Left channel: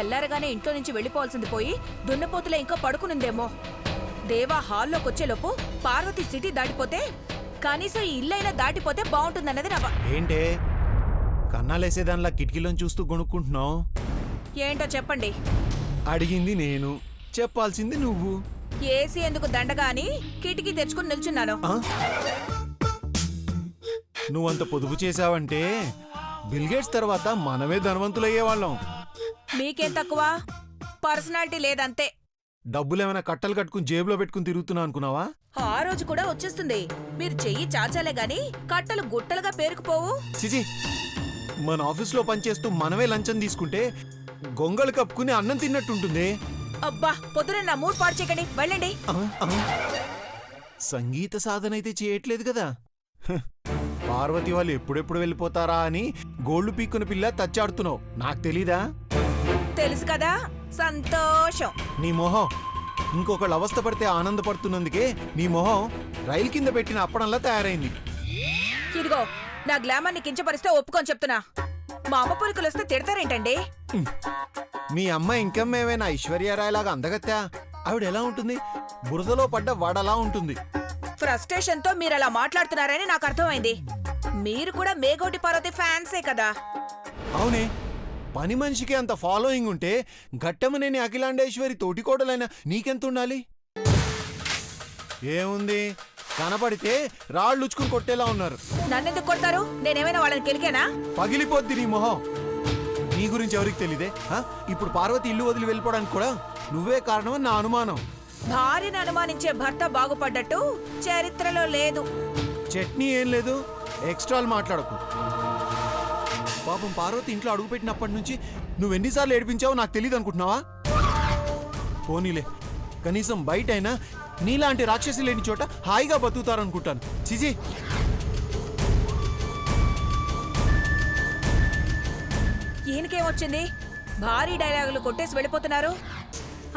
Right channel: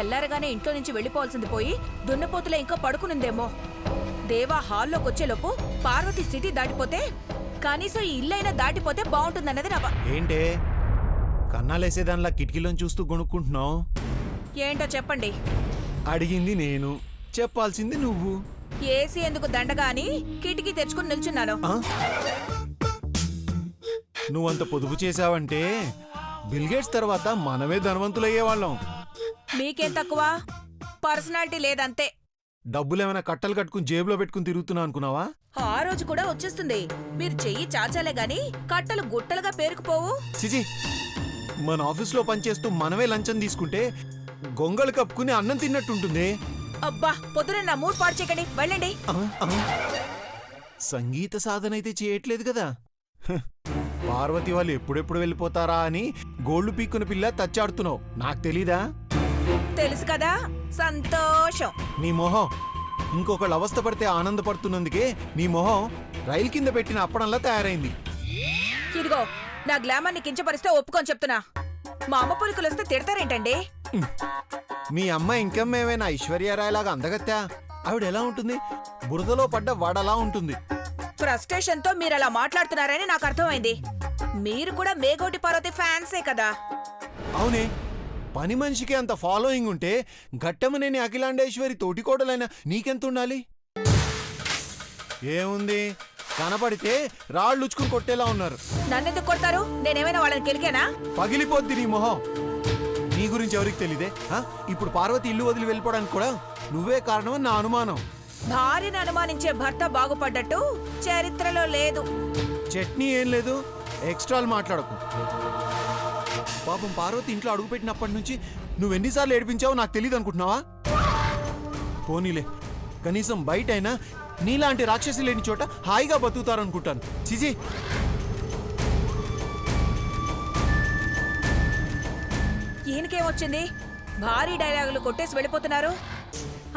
తెల్లారగానే ఇంట్లో నుంచి వెళ్ళిపోవాల్సింది పోయి దున్నపోతులో ఇంకా పడుకునుందేమో. దేవా హాల్లోకొచ్చేలోపు పార్వతి సిటీ దాటిపోతే కనీసం ఈ ఇల్లైనా దాటిపోతే బాగుంటుందన్నది నా ఏంటే కన్నాలేసేదానిలా కిటికీలోని చూస్తూ గొనుక్కుంటున్నావు? ఏంటో చెప్పండి. అడిగింది నేను, చెప్పాల్సింది నువ్వు. ఏసీ ఎందుకు దండగా అని కిటికీ తెచ్చుకుని నిల్చున్నాను. నువ్వంత పొదుపు చేశావంటే బిల్గేట్స్ తర్వాత మనమే ధనవంతులయ్యేవాళ్ళం. మీకేం తక్కువ? పర్సనాలిటీ లేదంతే. డబ్బులేమైనా కట్టలు కట్టుకుని జేబులో పెట్టుకుని తిరుగుతున్నా అనుకున్నావా? ఆ రోజు కూడా వచ్చేస్తుంది. మీరు చెయ్యి చాచాలే గాని కట్టలు గుట్టలుగా పేరుకుపోవు. చిచి, మన ఆఫీస్లో పనిచేస్తూ మనమే లంచం తీసుకుంటే గొంగళి కప్పుకుని అన్నం తిన్నట్టుంటుంది. అబ్బా, పొద్దున నా మూడ్ పాడు చేయకండి, వెళ్ళండి. సంగీత సాధన అయితే చేయట్లేదు కదా. పార్వతి వాళ్ళు ఎప్పుడెప్పుడు వెళ్ళిపోతారా అని గోళ్లు పీక్కున పిల్ల తచ్చాడుతున్నావు. నాకు తెలీదా? తెలుసు కదా, సంతోషం. నీ మొహం ఇంకొకళ్ళు అవస్థ పడితే ఆనందపడుతున్నందుకే నీ మొహం రైలు కింద పెట్టిన అప్పడంలా తయారైంది. ఇదిగో, నా గ్లామర్ ని కించపరిస్తే ఒప్పుకొని చెప్తున్నా. మా అమ్మ పొలికలు వస్తే తిడతారేంటండి? మీ అమ్మ ఇంకమ్మేమైనా ఐశ్వర్యరాయలాగా అందగత్తా? ఆవిడ ఎలా ఉంటుంది? బురదలో పడ్డ వడలా ఉంటుంది. ఫ్రస్ట్రేషన్ తో మీరు అలా మాట్లాడుతున్నారని నాకు అర్థమైంది. మీరు కూడా మేఘోటి పార్వతి ఫ్యాన్సే కదా? అవునే, పని మనిషికి అంత ఫాలోయింగ్ ఉంటే ఘట్టమనేని అఖిలాండేశ్వరి తోటికోడలైన నీకెంత ఉండాలి? ఏముంది, కనపడితే రాళ్ళుచ్చుకుని కొట్టేలా ఉన్నారు. నన్నెందుకు కొడతారు? నేనేమైనా వాళ్ళని కెలికేనా? పగిలిపోద్ది నీ మొహం. నీ గురించి ఎవరికి తెలీదే? ఇప్పుడు పార్వతి ఇల్లు వదిలి వెళ్ళిపోవడానికి కూడా నువ్వే కారణమని నా అనుమానం. భార్యను అనుమానించే భర్త బాగుపడ్డట్టు చరిత్రలో లేదు. చట్నీ ఏం లేదు, ఎక్స్ట్రాలు మాట్లాడకు. పాపం పార్వతి ఇంట్లో అడుగుపెట్టినప్పటి నుంచి నువ్వెన్నిసార్లు ఏడిపించావో నాకు తెలియదు అనుకుంటున్నావా? పోనీలే, కనీసం బయటైనా నీలాంటి రాక్షసి లేని చోట హాయిగా బతుకుతారనుకుంటాను. చిజీ, ఈయనకేమొచ్చింది? భారీ డైలాగులు కొట్టేసి వెళ్ళిపోతున్నారు.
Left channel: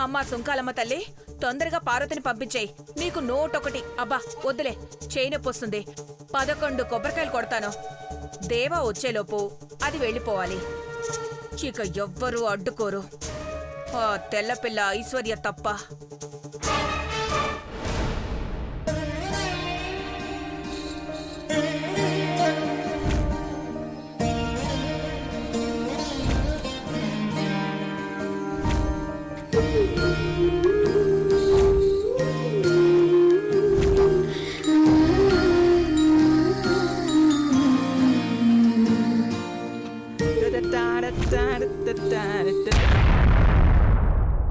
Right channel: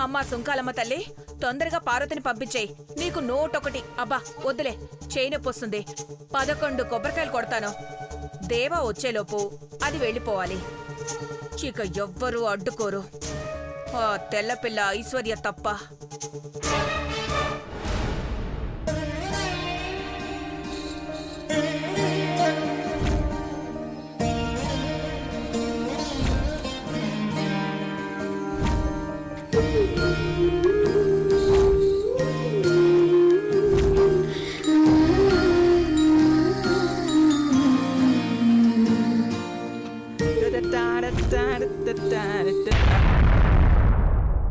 అమ్మా సుంకాలమ్మ తల్లి, తొందరగా పార్వతిని పంపించేయి. నీకు నోటొకటి. అబ్బా వద్దులే, చేయి నొప్పి వస్తుంది. 11 కొబ్బరికాయలు కొడతాను. దేవా వచ్చేలోపు అది వెళ్ళిపోవాలి. ఇక ఎవ్వరూ అడ్డుకోరు, ఆ తెల్లపిల్ల ఐశ్వర్య తప్ప.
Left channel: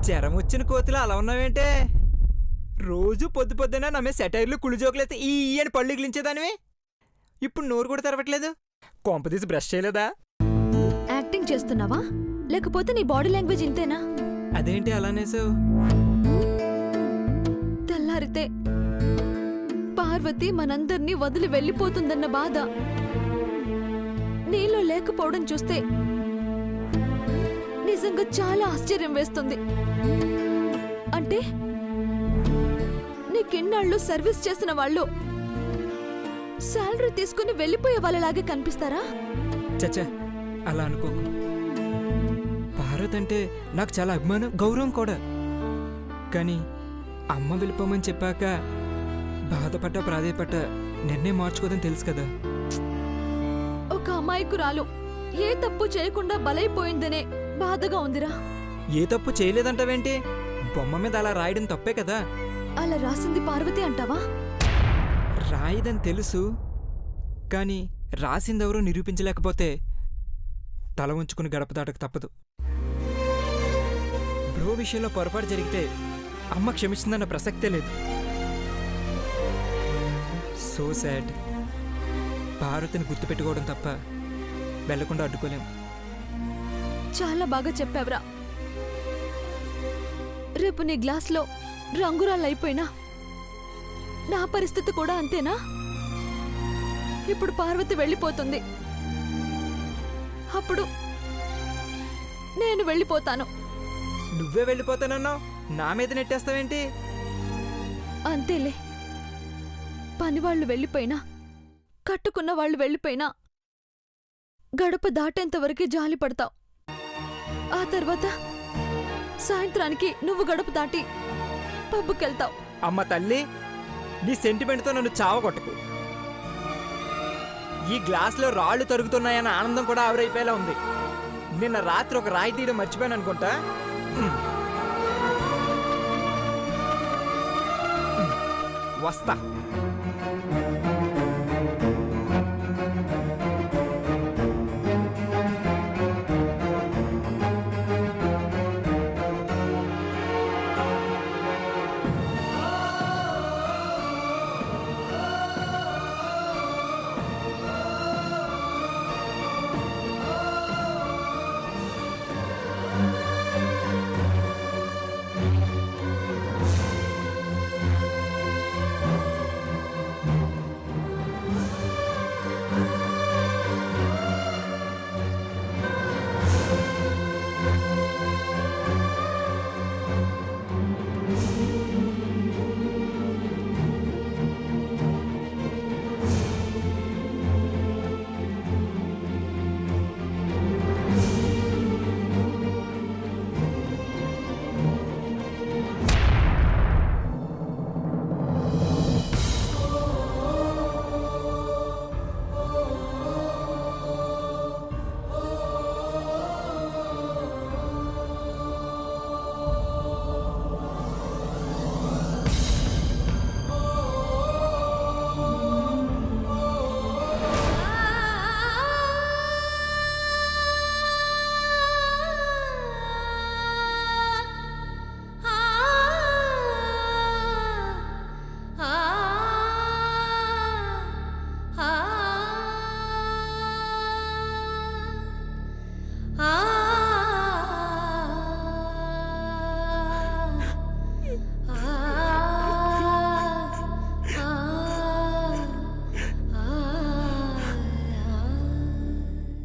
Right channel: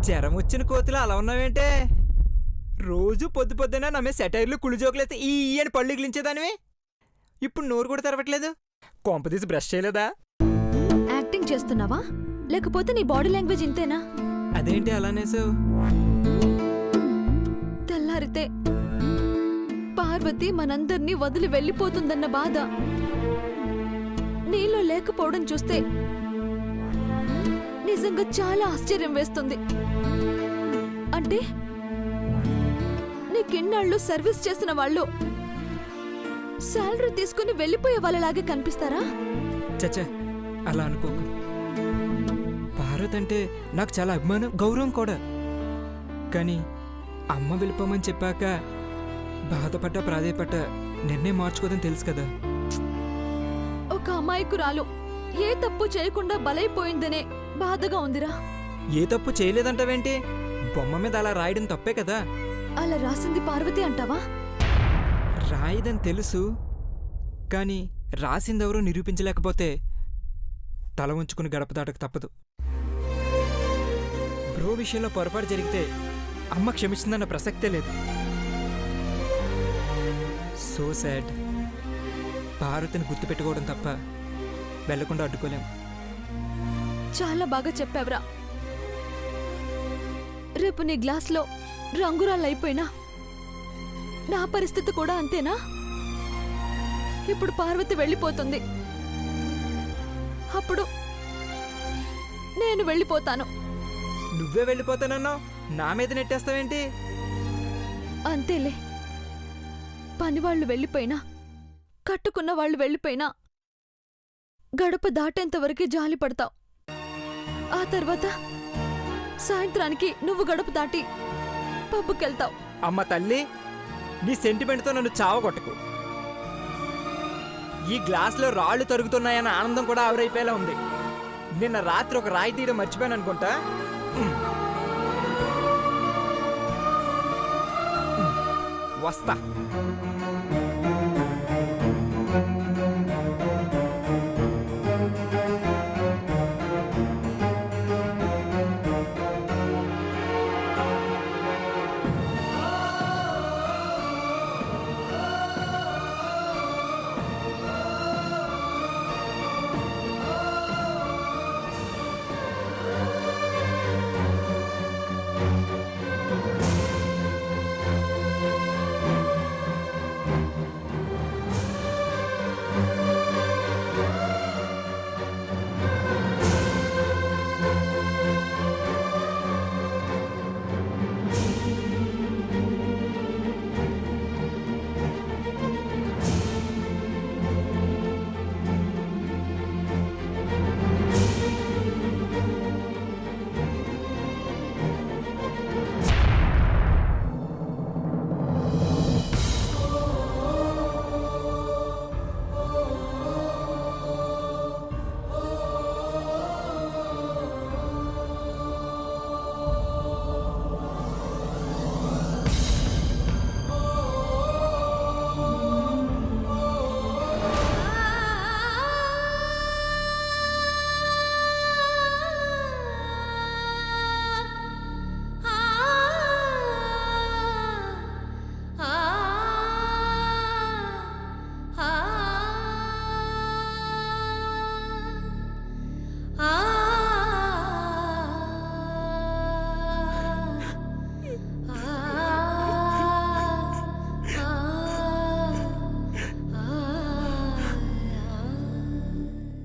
జ్వరం వచ్చిన కోతులు అలా ఉన్నావేంటే? రోజు పొద్దు పొద్దున నమ్మే సెటైర్లు కుళ్ళిజోకులైతే ఈ అని పళ్ళు గిలించేదానివి. ఇప్పుడు నోరు కూడా తెరవట్లేదు. కొంపదీసి బ్రష్ చేయలేదా? యాక్టింగ్ చేస్తున్నావా లేకపోతే నీ బాడీ లాంగ్వేజ్ ఇంతేనా? అదేంటి అలానేసావు? తెల్లారితే పార్వతి మనందర్నీ వదిలి వెళ్ళిపోతుందన్న బాధ నీలో లేకపోవడం చూస్తే నిజంగా చాలా ఆశ్చర్యం వేస్తుంది. అంటే నీకిన్నాళ్ళు సర్వీస్ చేసిన వాళ్ళు శాలరీ తీసుకుని వెళ్ళిపోయే వాళ్ళలాగే కనిపిస్తారా? చచ్చా, అలా అనుకోకు. భారత్ అంటే నాకు చాలా అభిమానం, గౌరవం కూడా. కానీ అమ్మ వెళ్ళిపోమని చెప్పాక బాధపడ్డ ప్రాధేయపడ్డ నిర్ణయం మార్చుకోదని తెలుసు కదా. ఒక అమాయకురాలు ఏ తప్పు చేయకుండా బలైపోయిందనే బాధగా ఉందిరా. ఏ తప్పు చేయలేదంటావేంటి? బొమ్మ మీద అలా రాయడం తప్పే కదా. అలా రాసింది పార్వతి అంటావా? రాయిదని తెలుసు, కానీ రాసిందెవరూ నిరూపించలేకపోతే తల ఉంచుకుని గడప దాటకు తప్పదు. బ్రో విషయంలో పొరపాటు జరిగితే అమ్మ క్షమిస్తుందన్న ప్రసక్తే లేదు. So sad. భారతిని గుర్తుపెట్టుకోవడం తప్ప వెళ్లకుండా అడ్డుకోలేం. చాలా బాగా చెప్పావురా. రేపు నీ గ్లాస్లో రంగురాళ్ళైపోయినా నా పరిస్థితి కూడా అంతేనా? ఇప్పుడు పార్వతి వెళ్ళిపోతుంది, అప్పుడు నేను వెళ్ళిపోతాను. నువ్వే వెళ్ళిపోతానన్నావు, నా మీద నెట్టేస్తావేంటి? అంతేలే, పనివాళ్లు వెళ్ళిపోయినా కట్టుకున్న వాళ్ళు వెళ్ళిపోయినా గడప దాటేంతవరకే జాలి పడతావు. ఆ తర్వాత సాయంత్రానికి నువ్వు గడుపు దాటి పబ్బుకెళ్తావు. అమ్మ తల్లి, నీ సెంటిమెంట్తో నన్ను చావగొట్టకు. ఈ గ్లాసులో రాళ్ళు తరుగుతున్నాయన్న ఆనందం కూడా ఆవిరైపోయేలా ఉంది. నిన్న రాత్రి ఒక రాయి తీయడం మర్చిపోయాను అనుకుంటా. వస్తా.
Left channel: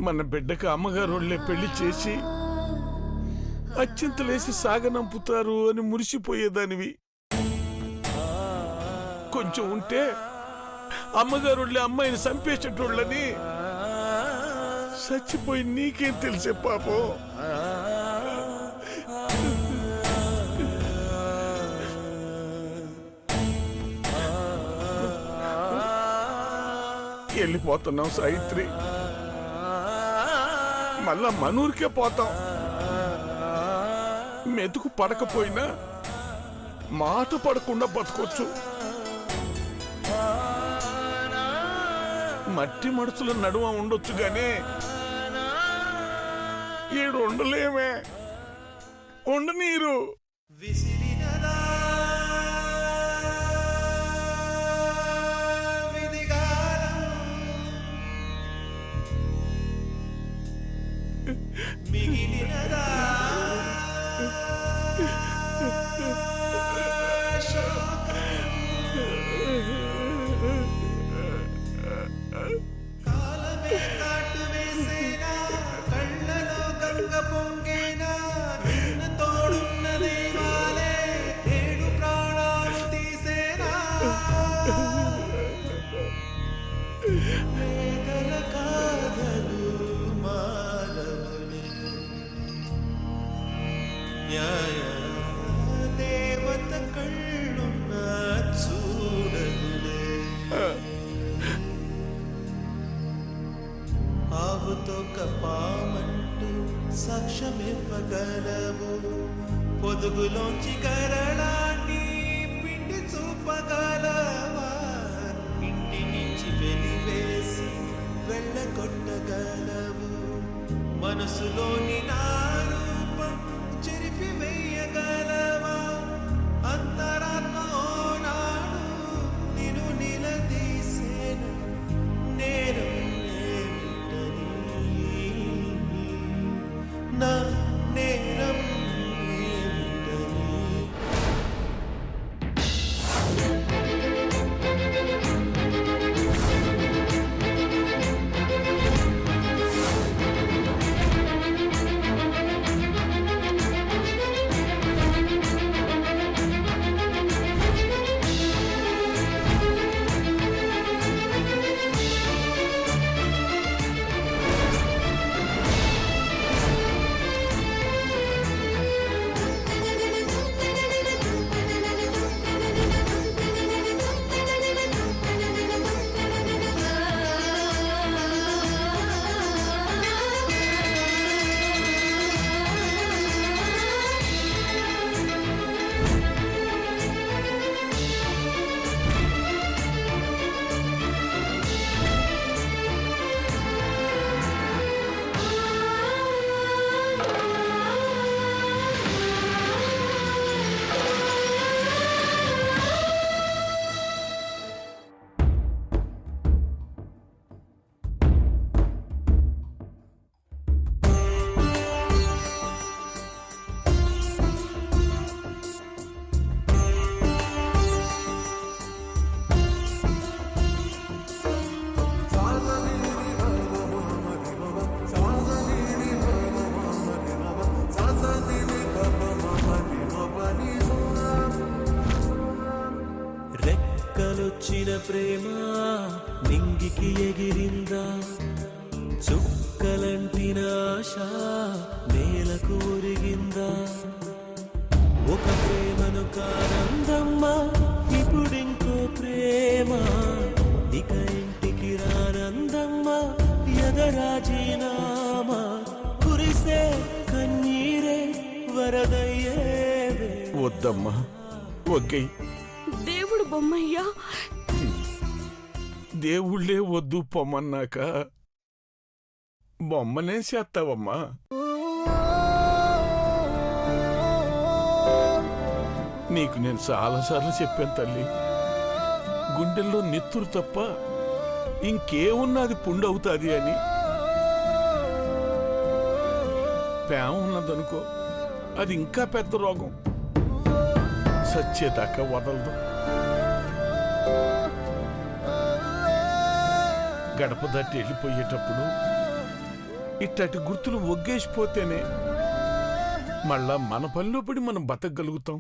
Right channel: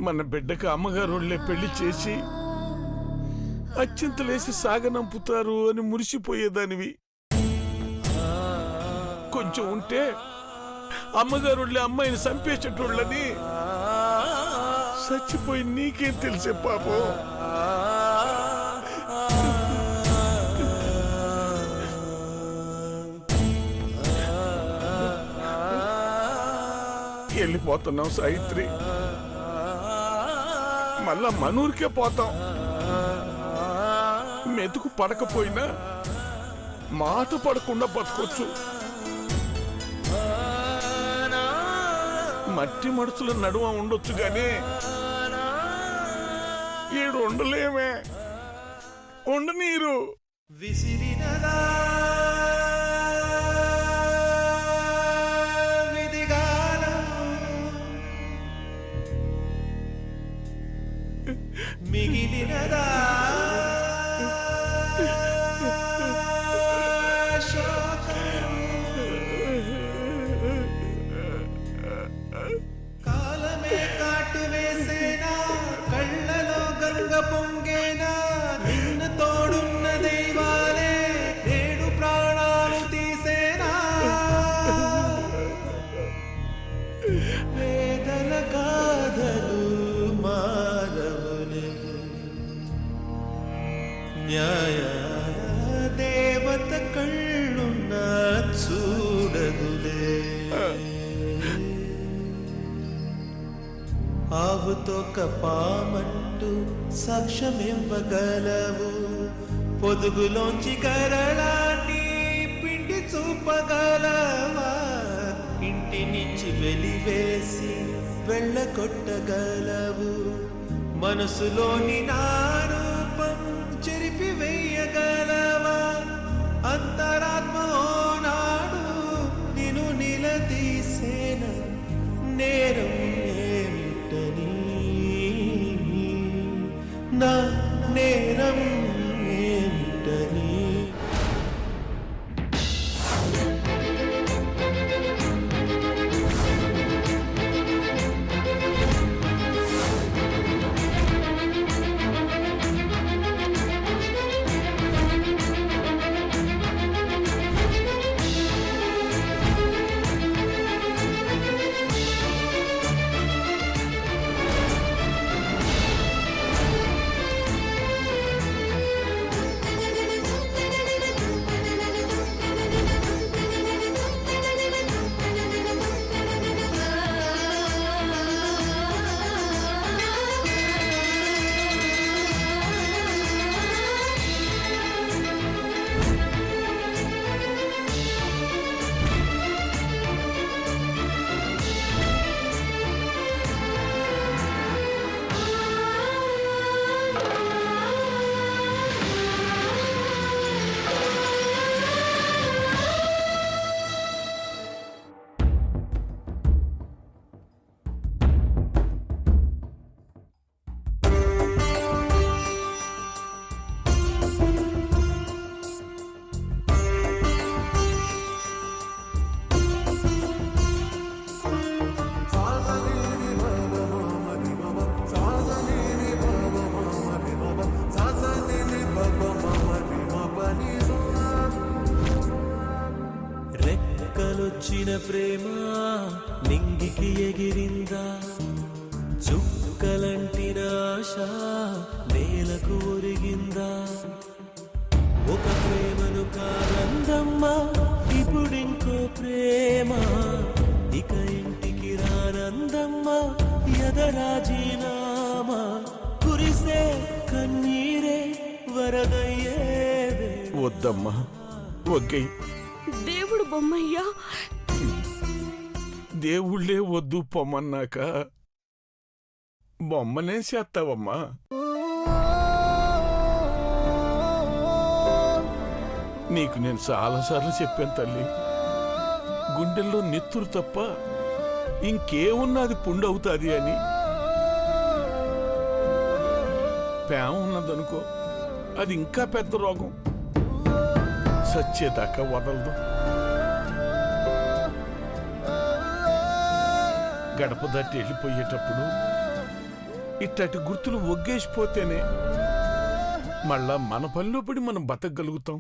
మన బిడ్డకు అమ్మగారు వాళ్ళే పెళ్లి చేసి అత్యంతలేసి సాగనంపుతారు అని మురిసిపోయేదానివి. కొంచెం ఉంటే అమ్మగారు వాళ్ళే అమ్మాయిని చంపేసేటోళ్ళని. చచ్చిపోయి నీకేం తెలిసే పాపం. వెళ్ళిపోతున్నాం సాయిత్రి, మళ్ళా మనూరికే పోతాం. మెతుకు పడకపోయినా మాట పడకుండా బతకొచ్చు. మట్టి మడుచుల నడుమ ఉండొచ్చు గానీ ఈడు ఉండలేమే. ఉండనీరు. విసిరినదా విధిగాలం, మిగిలినదా కాలమే కాటు వేసేనా, కళ్ళలో గంగ పొంగేనా, నిన్న తోడున్న దైవాలే నేడు ప్రాణాలు తీసేనా. వేదల కాదలు మారవులే, న్యాయ దేవత కళ్ళున్న చూడదులే. ఆవుతో కపామంటూ సాక్ష్యమివ్వగలవు, పొదుగులోంచి కరళాన్ని పిండి చూపగలవా. ఇంటి నుంచి వెలివేసి వెళ్ళగొట్టగలవు, మనసులోని నా రూపం చెరిపి వేయగలవా. అంతరాత్మ ఓనాడు నిన్ను నిలదీసేన, నేరం ఏమిటని, నా నేరం ఏమిటని. రెక్కలొచ్చిన ప్రేమ నింగికి ఎగిరిందా, చుక్కలంటిన ఆశ నేలకు ఒరిగిందా. ఒక ప్రేమను కాదందమ్మా ఇప్పుడింకో ప్రేమ, ఇక ఇంటికి రానందమ్మా ఎదరాజీనామా. కురిసే కన్నీరే వరదయ్యే వద్దమ్మా, ఒగ్గై. దేవుడు బొమ్మయ్యా. దేవుళ్ళే వద్దు పొమ్మన్నాక బొమ్మనే చేస్తావమ్మా. నీకు నేను చాలాసార్లు చెప్పాను తల్లి, గుండెల్లో నెత్తురు తప్ప ఇంకేమున్నది పుండవుతుంది అని. ప్రేమ ఉన్నదనుకో, అది ఇంకా పెద్ద రోగం, సచ్చేదాకా వదలదు. గడప దాటి వెళ్ళిపోయేటప్పుడు ఇట్టటి గుర్తులు ఒగ్గేసిపోతేనే మళ్ళా మన పనిలో పడి మనం బతకగలుగుతాం.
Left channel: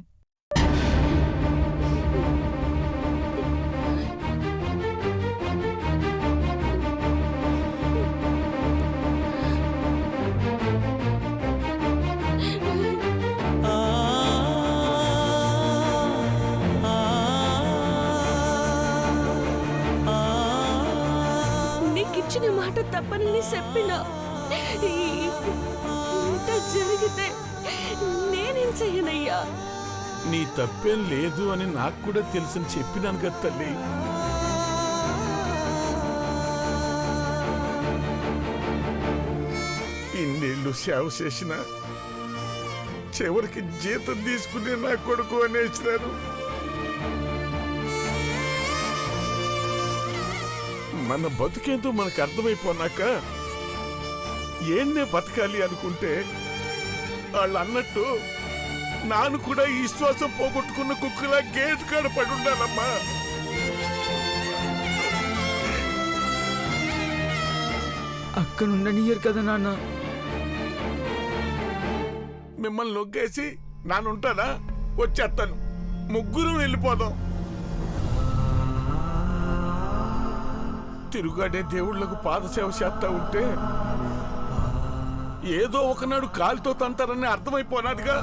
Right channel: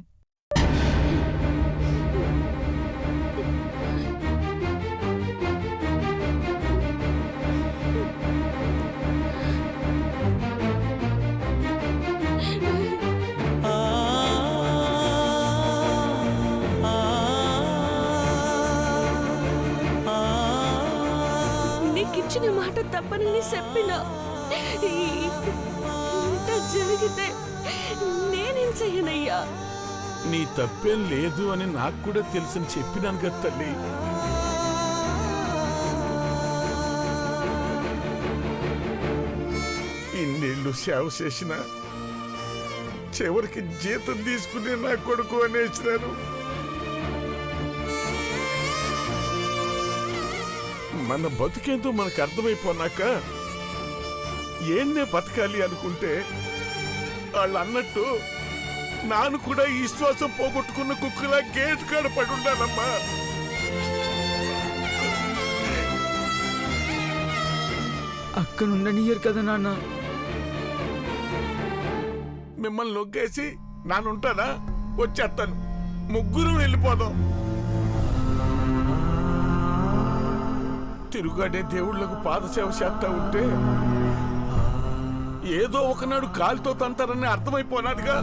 నీకిచ్చిన మాట తప్పని చెప్పినా ఇంత జరిగితే నేనేం చెయ్యనయ్యా. నీ తప్పేం లేదు అని నాకు కూడా తెలుసని చెప్పినాను కదా తల్లి. ఇన్నేళ్ళు సేవ చేసిన చివరికి జీతం తీసుకుని నా కొడుకు అనేసినారు. మన బతుకేంతో మనకు అర్థమైపోనాక ఏంనే బతకాలి అనుకుంటే వాళ్ళు అన్నట్టు నాను కూడా ఈ శ్వాసం పోగొట్టుకున్న కుక్కలా గేట్ కాడ పడుండాలమ్మా. అక్కనుండనియరు కదా నాన్న. మిమ్మల్ని నొగ్గేసి నానుంటానా? వచ్చేస్తాను, ముగ్గురు వెళ్ళిపోదాం. తిరుగాడే దేవుళ్లకు పాదసేవ చేస్తా ఉంటే ఏదో ఒకనాడు కాలుతో తంతారని అర్థమైపోనాదిగా.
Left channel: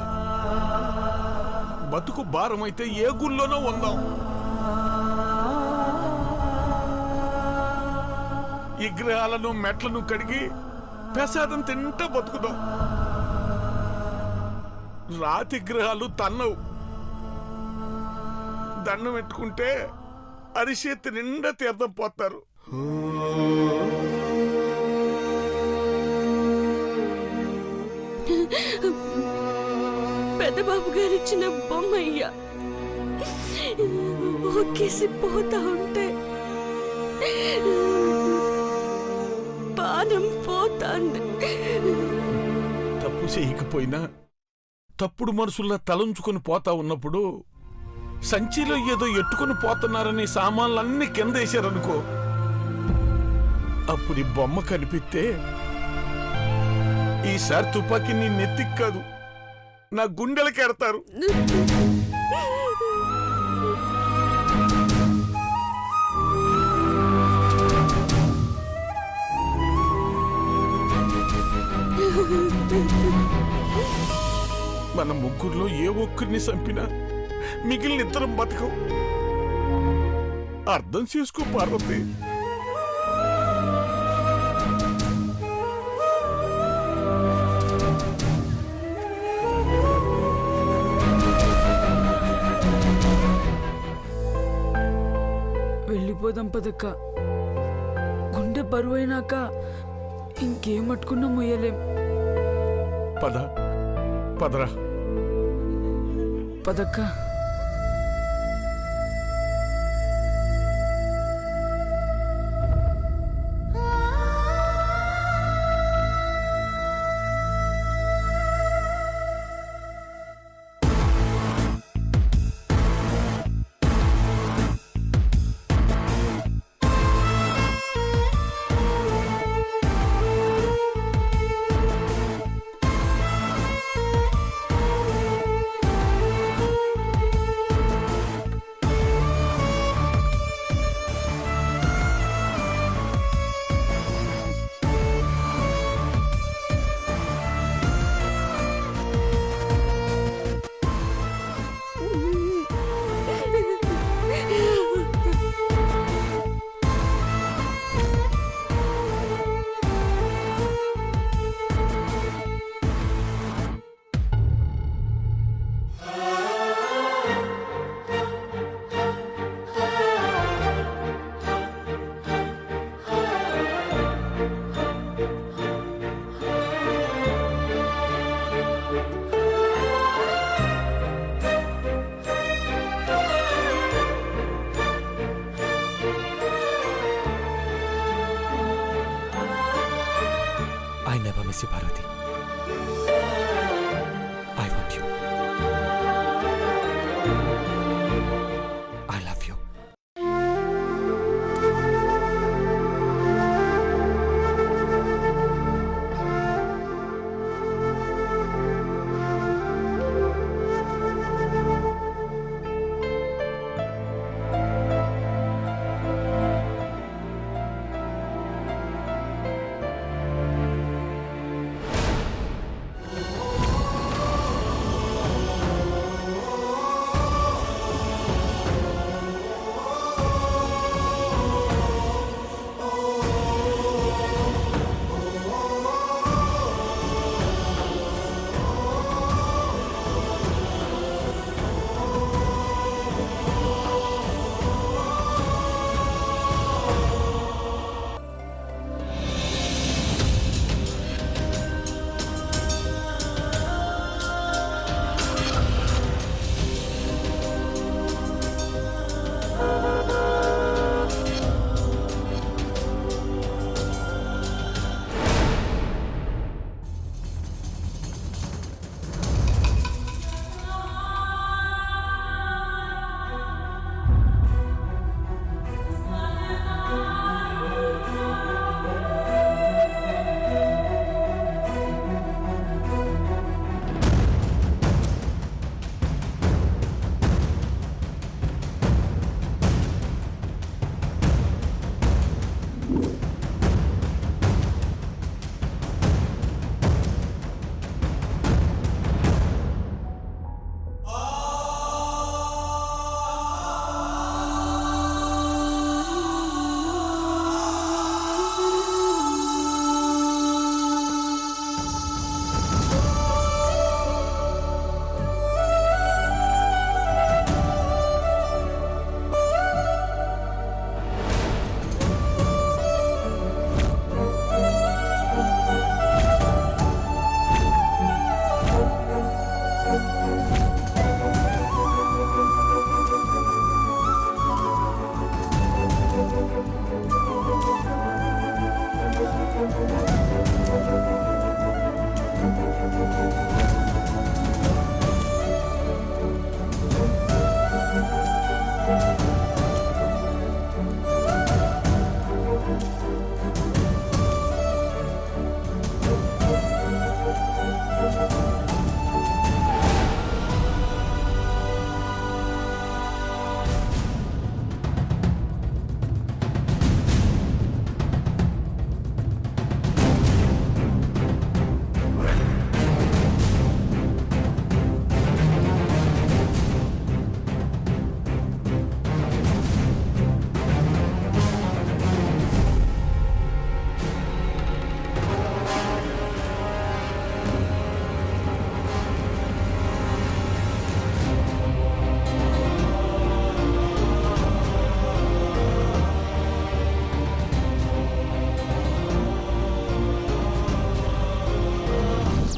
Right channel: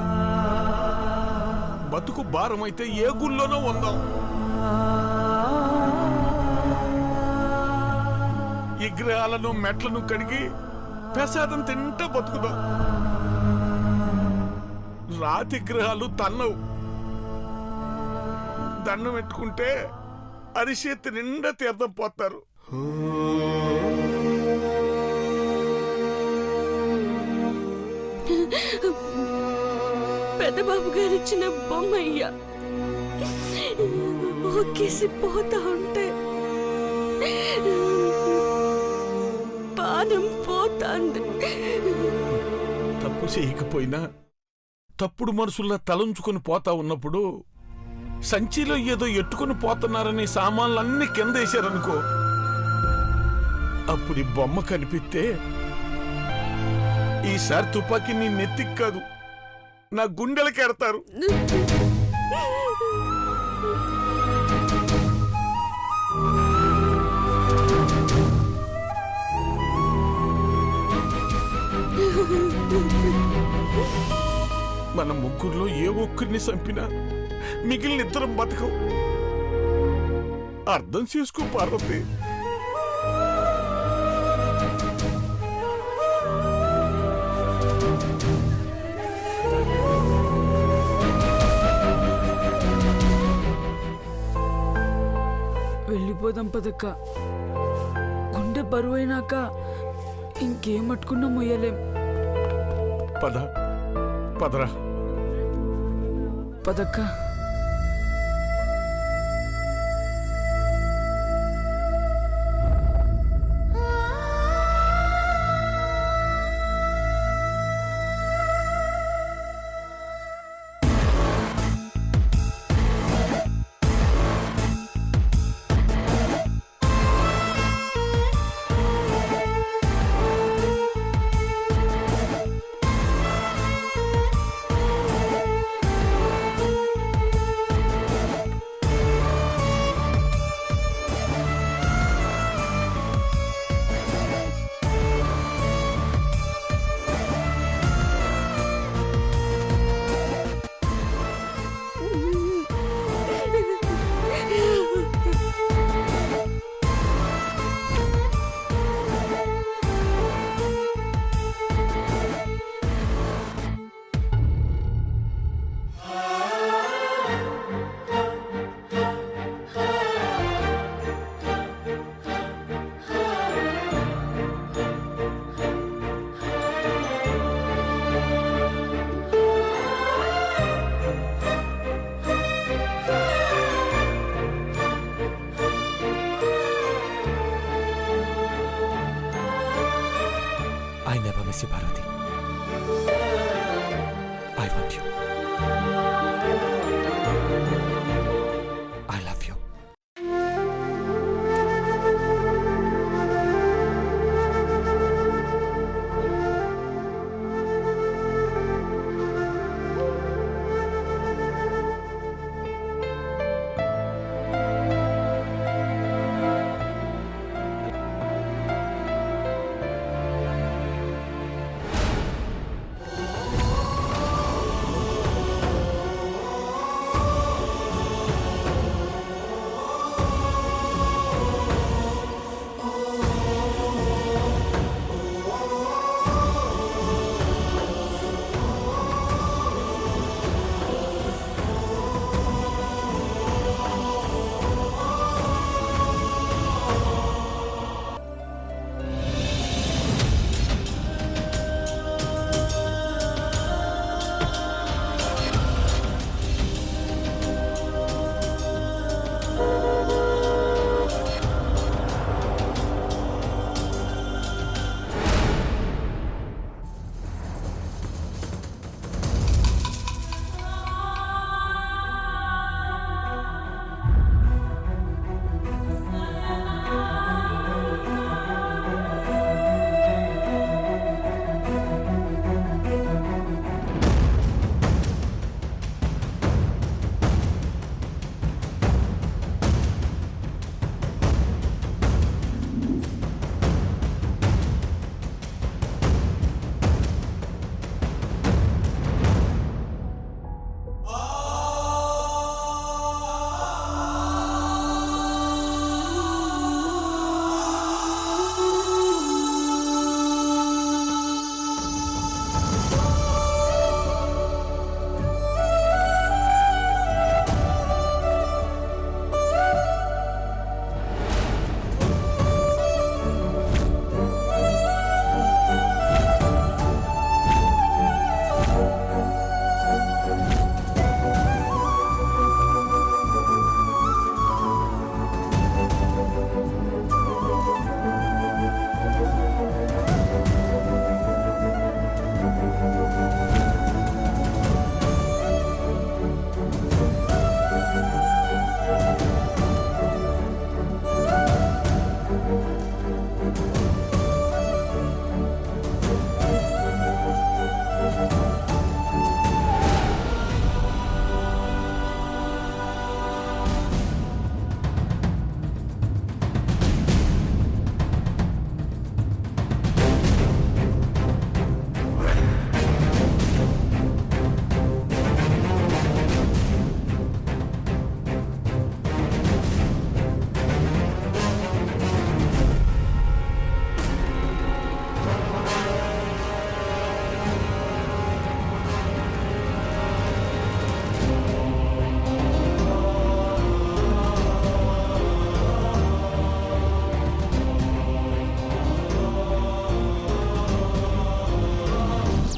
బతుకు భారం అయితే ఏ గుళ్ళోనో ఉందాం. విగ్రహాలను మెట్లను కడిగి ప్రసాదం తింటా బతుకుదాం. రాతి గ్రహాలు తన్నవు. దండం పెట్టుకుంటే అరిచేతి నిండా తీర్థం పోతారు. పెద్దబాబు గారిచ్చిన బొమ్మయ్యా ఒక్కేసి పోతా ఉంటే పానం పోతాంది. తప్పు చేయకపోయినా తప్పుడు మనసుల్లా తలంచుకొని పోతా ఉన్నప్పుడు సంచిలో ఏదో ఎట్టుకుని పోతున్నారని సామాన్లన్నీ కింద వేశారనుకో, అప్పుడు ఈ బొమ్మ కనిపిస్తే ఈసారి తుపాకీ నీ నెత్తికి కాదు నా గుండెలకి ఎడతారు. మన ముగ్గురులో ఏ ఒక్కరిని చంపినా మిగిలిన ఇద్దరం బతకం. అర్థం చేసుకో పార్వతి. వెళ్ళిపోదాం పదక్క. గుండె బరువైనాక ఇంకేం పట్టుకున్నా మొయ్యలేం. పద పదరా. పదక్క. I never miss you Parvati.